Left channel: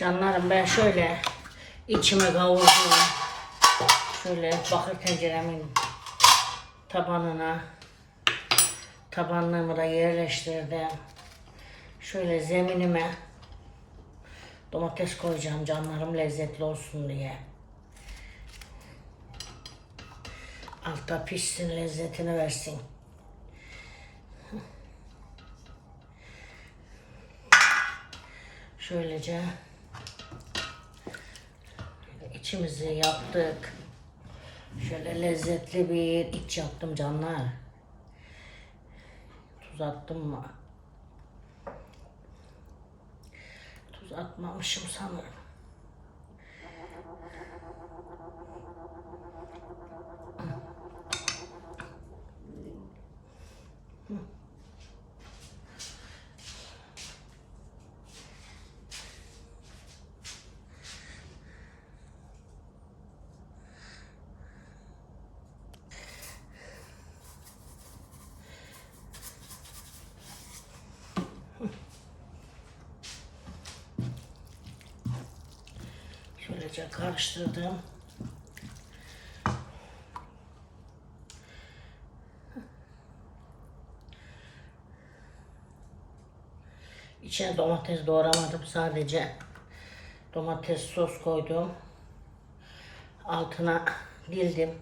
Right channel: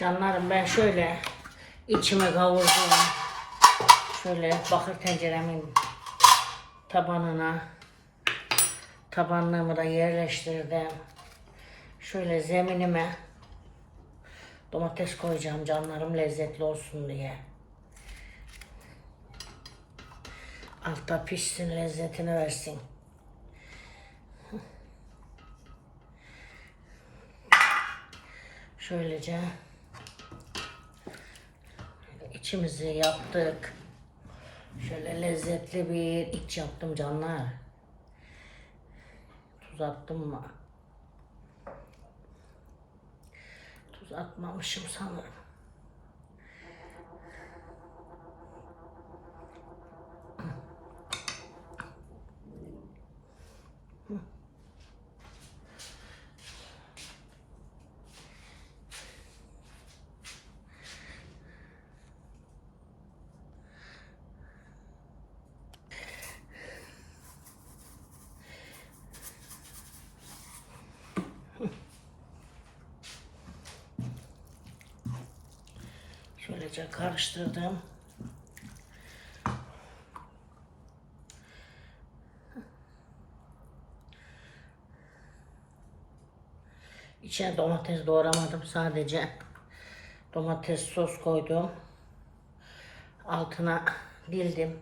Canlarım ben şöyle içime kavurdum. Şöyle bakır tenceremin tabanına tabanlığımı da yerleştirdim. Şöyle zeminime domates koyacağım canlarım lezzetli olsun diye. Altta pişsin lezzetini versin. Şöylece içimizi yaptık. Şöyle lezzetli bir iç yaptım canlar. Tuz attım mı? Tuz atmamışım sanırım. Şöylece karıştırdım. İçine domates doğramadım sadece. Domates sos koydum. Altına dildim.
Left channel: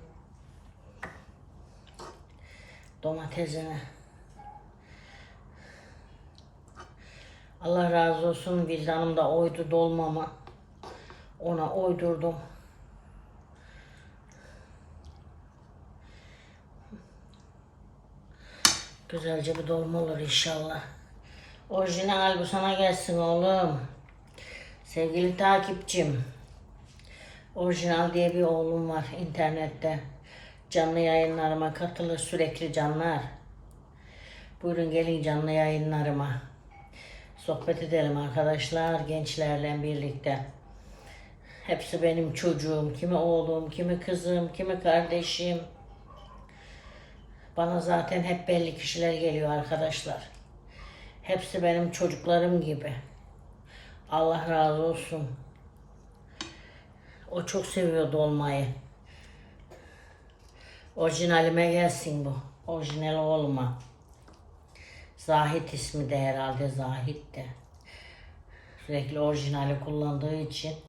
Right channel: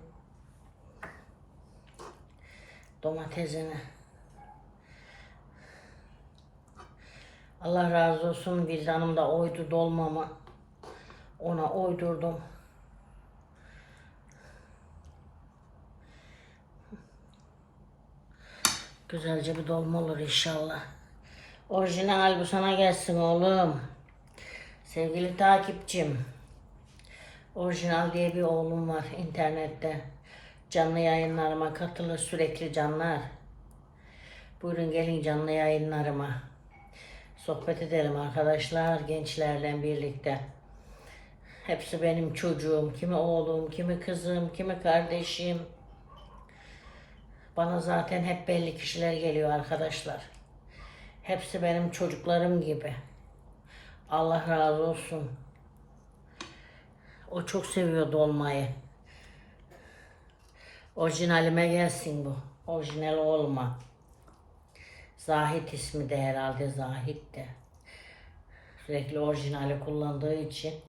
Domatesini. Allah razı olsun Vildan'ım da oydu dolmama. Ona oydurdum. Güzelce bir dolma olur inşallah. Orijinal bu sana gelsin oğlum. Sevgili takipçim. Orijinal diye bir oğlum var internette. Canlı yayınlarıma katılır sürekli canlar. Buyurun gelin canlı yayınlarıma. Sohbet edelim arkadaşlar gençlerle birlikte. Hepsi benim çocuğum. Kimi oğlum, kimi kızım, kimi kardeşim. Bana zaten hep belli kişiler geliyor arkadaşlar. Hepsi benim çocuklarım gibi. Allah razı olsun. O çok seviyor dolmayı. Orijinalime gelsin bu. Orijinal olma. Zahit ismi de herhalde Zahit de. Sürekli orijinali kullandığı için.